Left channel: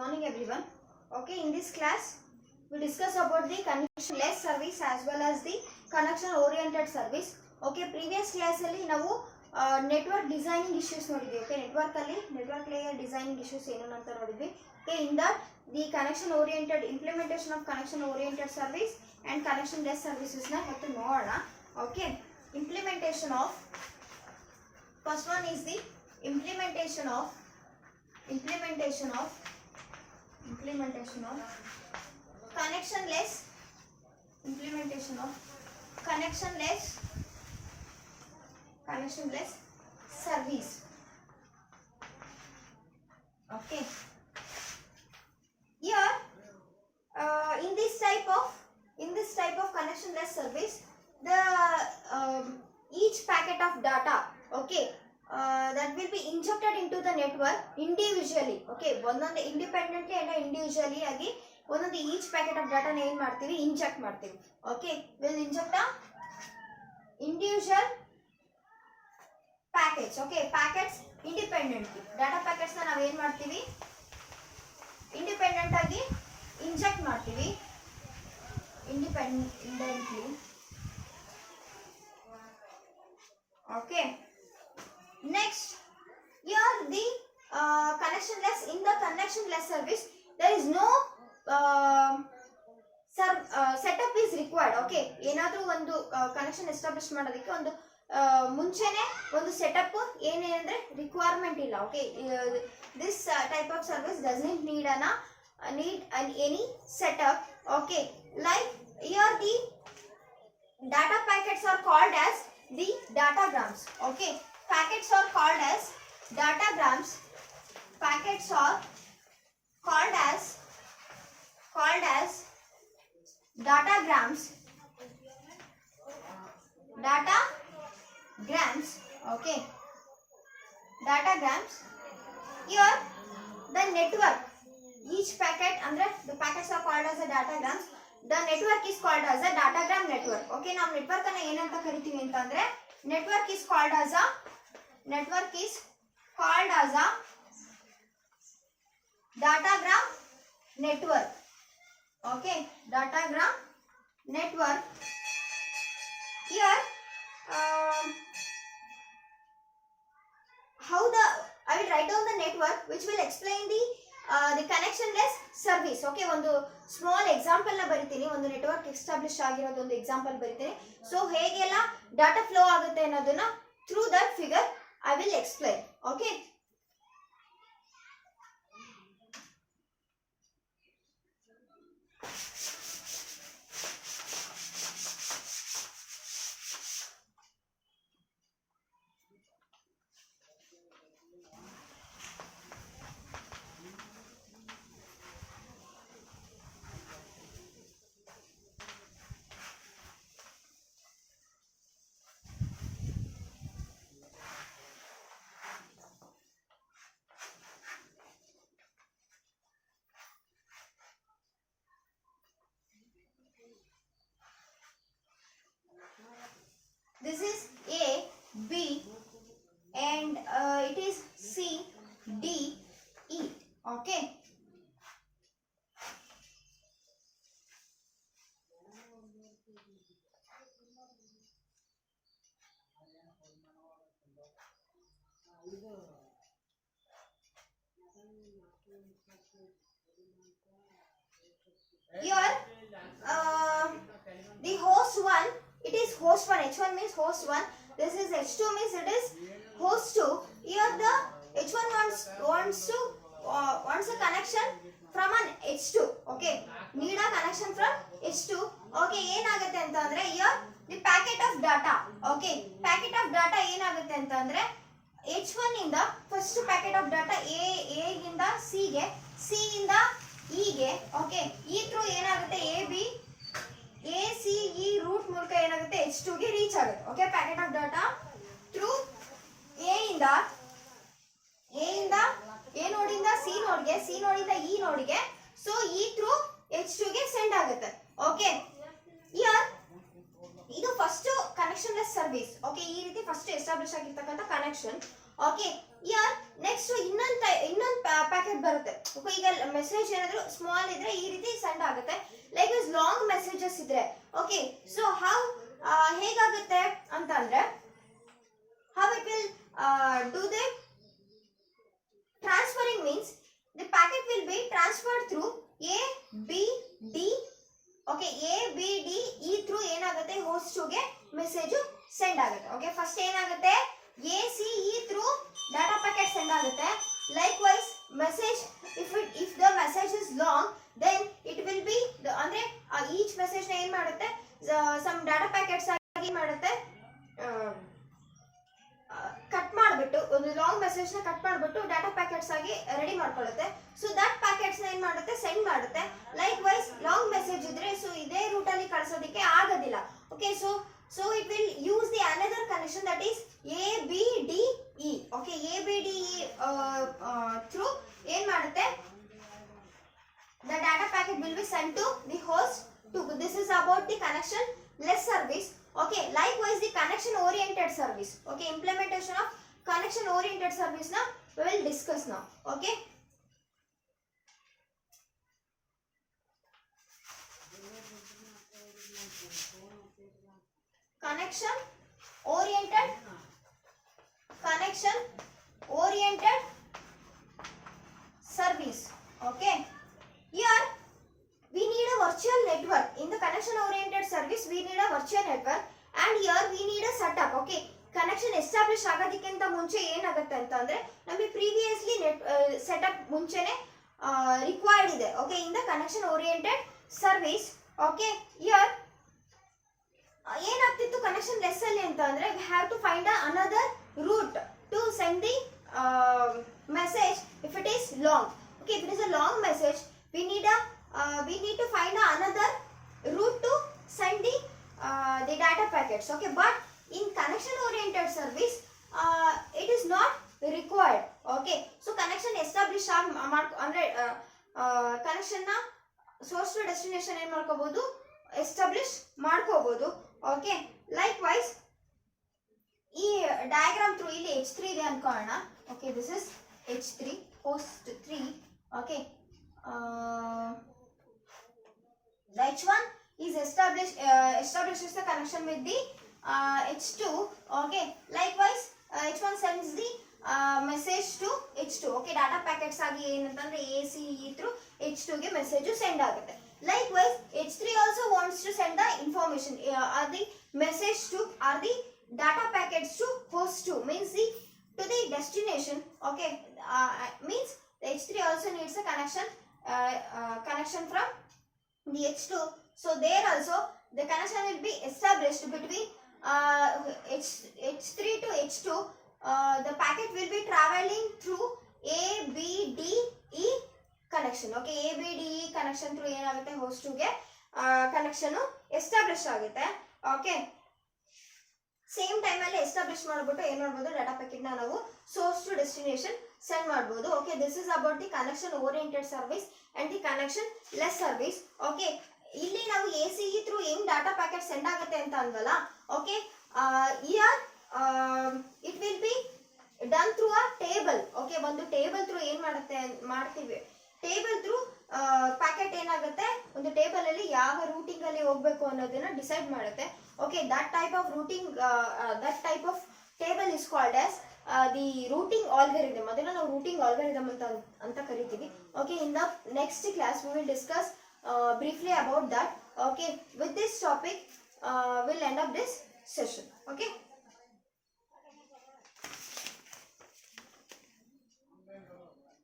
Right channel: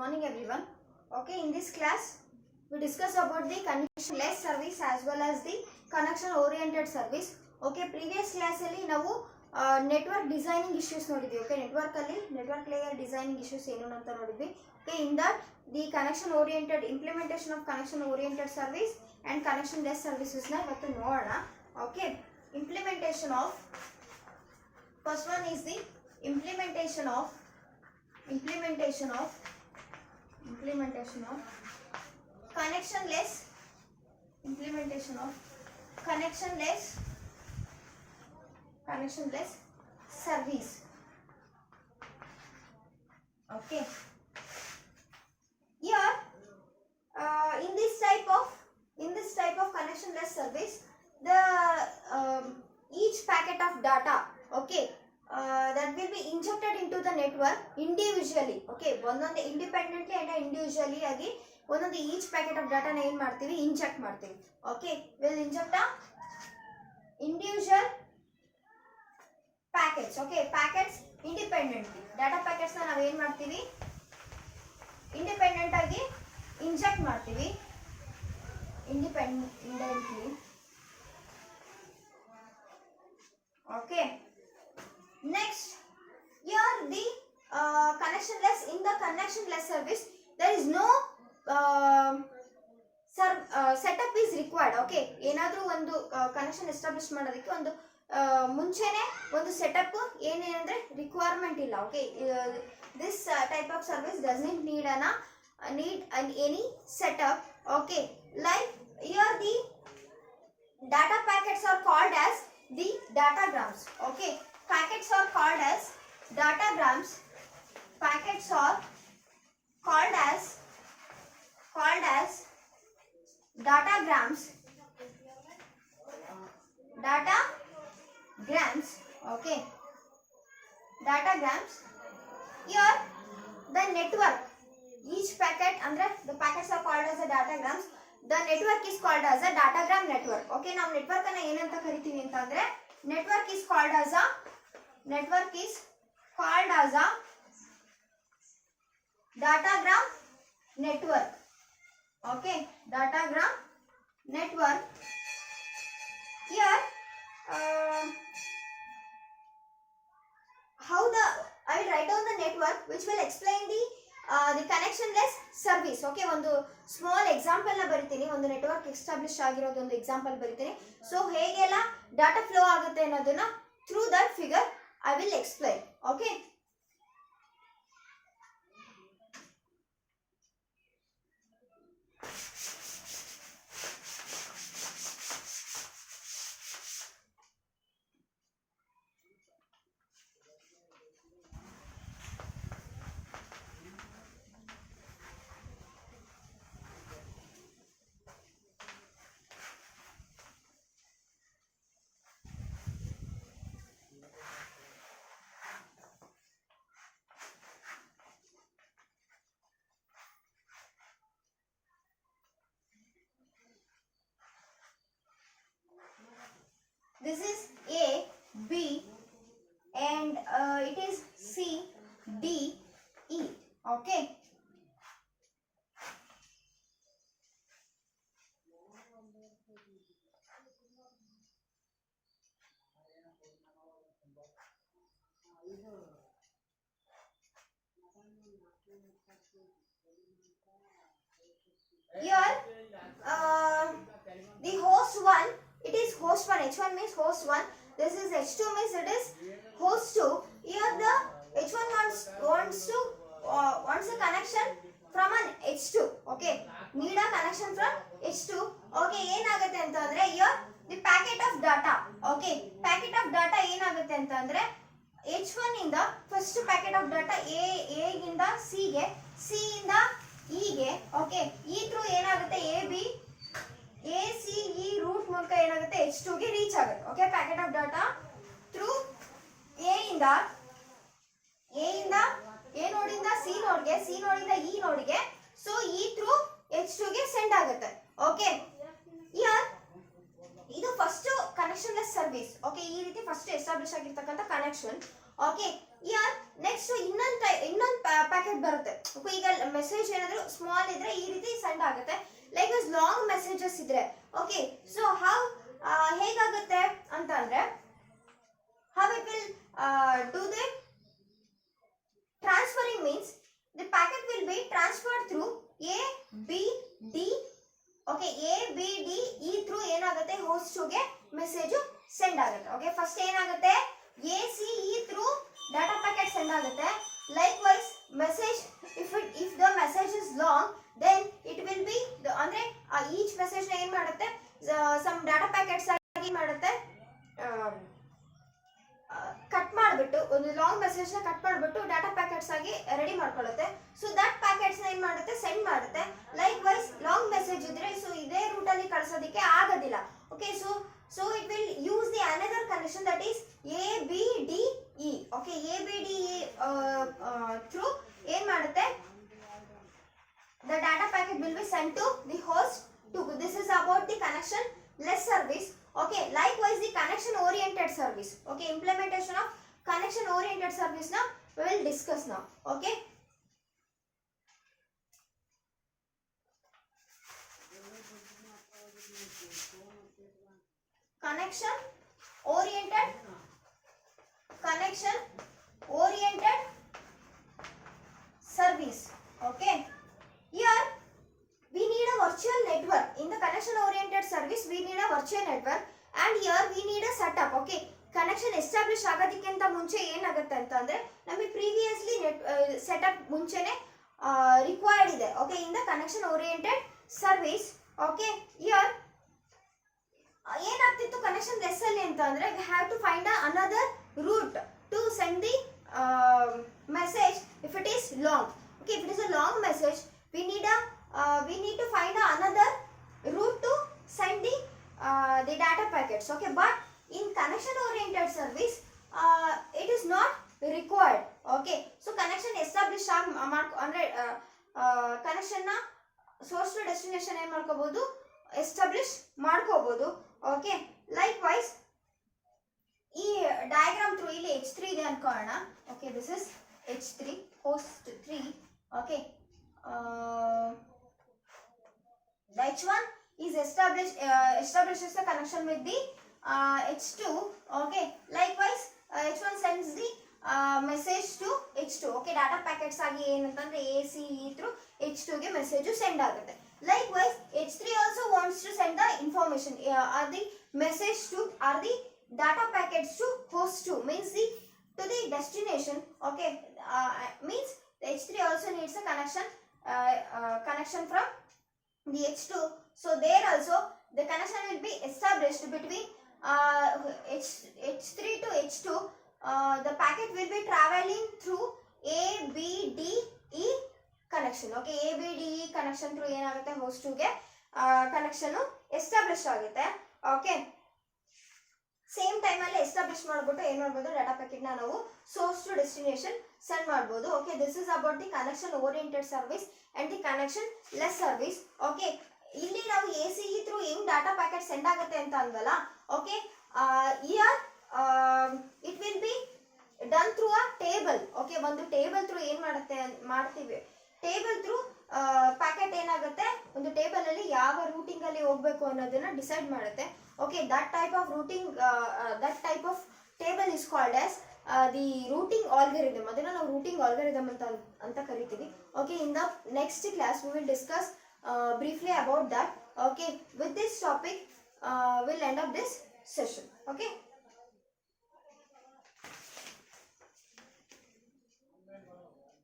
morning everyone. Okay, in this class we discuss about the connectionless service as well as the connection oriented service. Okay, previous class alli ನಾವು network designing issues ನೋಡಿದ್ವಿ. Okay, network layer designing issues ಏನು ಅಂತ ನೋಡಿದ್ವಿ. Okay, in that the connection oriented implementation of connection oriented service and connectionless services na ಇವತ್ತು ನೋಡೋಣ. Okay, implementation of first one is the implementation of connectionless service. Okay, here in this type of connectionless service, the each packet of data, okay, that will be injected into the network individually. Okay, ಒಂದೊಂದು independently and individually ಆಗಿ ಒಂದೊಂದು each packet of data ನ ಏನು ಮಾಡ್ತೀವಿ, inject ಮಾಡ್ತೀವಿ. Okay, will inject a individual packets. Okay, packets independently, data packets ನ ನಾವು ಏನು ಮಾಡ್ತೀವಿ, independent ಆಗಿ inject ಮಾಡ್ತೀವಿ, independently. Okay, next here the connectionless service, there is no setup is required. Okay, ಏನಾದರೂ ಒಂದು ಕನೆಕ್ಷನ್ ಎಸ್ಟಾಬ್ಲಿಷ್ ಮಾಡೋದಕ್ಕೆ ಒಂದು ಮುಂಚೆನೆ ಒಂದು ಸೆಟಪ್ ಏನೇನಂದ್ರೆ ರಿಕ್ವೈರ್ಮೆಂಟ್ ಇಲ್ಲ. Okay, this type of service doesn't need any setup. Okay, like here the data packets are called as the datagrams. Okay, packets are called as datagrams. Packets are called as datagrams. Okay, datagrams. Here the network, each packet andre the packets are called as a datagrams. The network is called as a datagram network. Okay, ನಾವು ನೆಟ್ವರ್ಕ್ ಅನ್ನು ಏನಂತ ಕರಿತೀವಿ ಅಂತಂದ್ರೆ network is called as a datagram network. Okay, datagram network. Here I will write down the network which will explain the connectionless service. Okay, ಒಂದು small example ನ ಬರಿತೀನಿ, ಒಂದು network establish ಆಗಿರೋದು ಒಂದು ಎಕ್ಸಾಂಪಲ್ ಬರಿತೀನಿ. ಸೊ ಹೇಗೆಲ್ಲ ಡಾಟಾ ಫ್ಲೋ ಆಗುತ್ತೆ ಅನ್ನೋದನ್ನ through that figure I will explain. Okay, this is A, B and it is C, D, E. Okay, here the host 1, it is host 1, H1 means host 1, this is H2 means it is host 2. Here the H1 wants a connection from an H2. Okay, need a connection from H2. Okay, ಏನಾಗುತ್ತೆ ಅಂತಂದ್ರೆ here the packet of data. Okay, packet of data ಏನಾಗುತ್ತೆ ಅಂತಂದ್ರೆ H1 ಇಂದ first packet of data A ಗಿಂದ C ಗೆ, C ಇಂದ E ಗೆ. Okay, ಈ ಥ್ರೂ ಏನಾಗುತ್ತೆ ACE ರೂಟ್ ಮೂಲಕ ಏನಾಗುತ್ತೆ H2 ಗೆ ರೀಚ್ ಆಗುತ್ತೆ. Okay, packet of data through A ಇಂದ A ನೋಡಿಂದ C ನೋಡ್ಗೆ, C ನೋಡಿಂದ E ನೋಡಿಗೆ, ಸೊ E ಥ್ರೂ H2 ಗೆ ಸೆಂಡ್ ಆಗುತ್ತೆ. ಓಕೆ, ಹಿಯರ್ ಇದು ಫಸ್ಟ್ ಕನೆಕ್ಷನ್ಲೆಸ್ ಸರ್ವಿಸ್. ಓಕೆ, ಈ ರೀತಿ ಫಸ್ಟ್ ಎಸ್ಟಾಬ್ಲಿಷ್ ಆಗಿರ್ತಕ್ಕಂಥ ಕನೆಕ್ಷನ್. ಓಕೆ, ಹಿಯರ್ ನೆಕ್ಸ್ಟ್ ಇನ್ನೊಂದು ಪ್ಯಾಕೆಟ್ ಬರುತ್ತೆ. ಓಕೆ, ಈಗ ಮೆಸೇಜ್ ಏನಾದ್ರು ಸ್ಮಾಲ್ ಇದ್ರೆ ಈ ರೀತಿ ಸೆಂಡ್ ಆಗುತ್ತೆ. ಲೈಕ್ ಇಸ್ ಲಾಂಗ್ ಮೆಸೇಜಸ್ ಇದ್ರೆ ಓಕೆ, ಸೊ ಹೌ ಹೇಗಾಗುತ್ತೆ ಅಂತ ಅಂದ್ರೆ how it will do the transferring means the packet will be transferred through A, B, D. Okay, A, B, D ಈ through ಏನಾಗುತ್ತೆ host 2 ಗೆ ಮೆಸೇಜ್ ಸೆಂಡ್ ಆಗುತ್ತೆ. ಓಕೆ, ಫಸ್ಟ್ ಏನಾಗುತ್ತೆ A, C, E through data packet send ಆಗುತ್ತೆ. Likewise message if the message is long then it will be ಅಂದ್ರೆ each message ನ ಏನ್ ಮಾಡುತ್ತೆ some data packets ಆಗಿ ಮಾಡುತ್ತೆ ಕಟ್ ಮಾಡಿಬಿಟ್ಟು ಒಂದು ಲಾಂಗ್ ಮೆಸೇಜ್ ನ ಕಟ್ ಮಾಡಿಬಿಟ್ಟು ಡಾಟಾ ಪ್ಯಾಕೆಟ್ಸ್ ಆಗಿ ರೆಡಿ ಮಾಡ್ಕೊಳ್ಳುತ್ತೆ. ಸೊ ದಟ್ ಪ್ಯಾಕೆಟ್ಸ್ ನ ಏನ್ ಮಾಡುತ್ತೆ ಸೆಂಡ್ ಮಾಡುತ್ತೆ. ಲೈಕ್ ವೈಸ್ ಲಾಂಗ್ ಮೆಸೇಜ್ ಇದ್ರೆ ಸೊ ಇದೇ ರೂಟ್ ಅಲ್ಲಿ ಕಳಿಸೋದಕ್ಕೆ ಆಗೋದಿಲ್ಲ. Okay, so it will use the another connection that is ABDE. Okay, ABDE through ಏನ್ ಮಾಡುತ್ತೆ the data packet will be sent to the host 2. This is about the connection less service. Okay, likewise the connection oriented service. Okay, implementation of connection oriented service now we will discuss now. Okay, connection oriented service. Okay, here we need a virtual network. In the connection oriented service we need a virtual network and here we need a setup. Okay, connection establish ಆಗೋದಕ್ಕಿಂತ ಮುಂಚೆ ಏನಾಗುತ್ತೆ ಅಂತ ಅಂದ್ರೆ ನಮಗೆ previously setup ಮುಂಚೆನೆ required ಇದೆ. Okay, in the connection oriented service. Okay, here ಏನಾಗ್ತಿತ್ತು connectionless ಅಲ್ಲಿ ಅಂತ ಅಂದ್ರೆ we have to find another route to send the message if it is long. Okay, if it is a long message we need to find another route to send the data packets. Okay, but in connection oriented service it is not required. Okay, so connection establish ಅಂದ್ರೆ connection ನ source to destination ಏನ್ ಮಾಡ್ಕೋಬಹುದು establish ಮಾಡ್ಕೋಬಹುದು. Okay, likewise ಈ diagram through ಇಲ್ಲಿ H3 ಇದೆ ಅನ್ಕೊಳ್ಳೋಣ. Okay, this is H3 host 3. Okay, the H1 is establishes the connection with the H2. Okay, likewise H1 sends the message to H2. Okay, data packets ಆಗಿ ಏನಂತಂದ್ರೆ ACE through H2 ಗೆ message send ಆಗುತ್ತೆ. Likewise H3 also wants to send the information or the message to or the data packets to host 2 means the to the destination. Okay, means the H3 also needs a connection from the H2. So there also the connection will be established between H3 to H2. The packet will be traveling through ABDE connection. Okay, ABDE connection through ಏನಾಗುತ್ತೆ host 2 ಗೆ connection establish ಆಗುತ್ತೆ. Okay, same time ಅಲ್ಲಿ ಎಸ್ಟಾಬ್ಲಿಷ್ ಮಾಡ್ಬಿಟ್ಟು ಏನ್ ಮಾಡ್ಬೋದು data packet ನ ನಾವು source to destination send ಮಾಡ್ಬೋದು. Okay, this is about the connection oriented service and the connection less service. Okay, ಇಲ್ಲಿ ನಾವು ACE ಥ್ರೂ ಹೆಂಗ್ ಡಾಟಾ ಪ್ಯಾಕೆಟ್ ಸೆಂಡ್ ಆಗುತ್ತೆ ಅಂತ ಅಂದಲ್ಲ. Okay, here it will be done through a table. Okay, ಒಂದು table through ಏನ್ ಮಾಡ್ತೀವಿ table through packet ಏನಾಗುತ್ತೆ ಒಂದು ಟೇಬಲ್ ಅಲ್ಲಿ ಯಾವ ರೂಟಿಂಗ್ ಅಲ್ಲಿ ಹೋಗ್ಬೇಕು ಅನ್ನೋದನ್ನ ಡಿಸೈಡ್ ಮಾಡುತ್ತೆ. Okay, that type of table is called as the routing algorithm. ಅದನ್ನ ನಾವು ರೂಟಿಂಗ್ ಆಲ್ಗರಿದಮ್ ಅಂತ ಕರಿತೀವಿ. Okay, in the next class we will discuss briefly about that. Okay, with this topic we'll end up this session. Okay.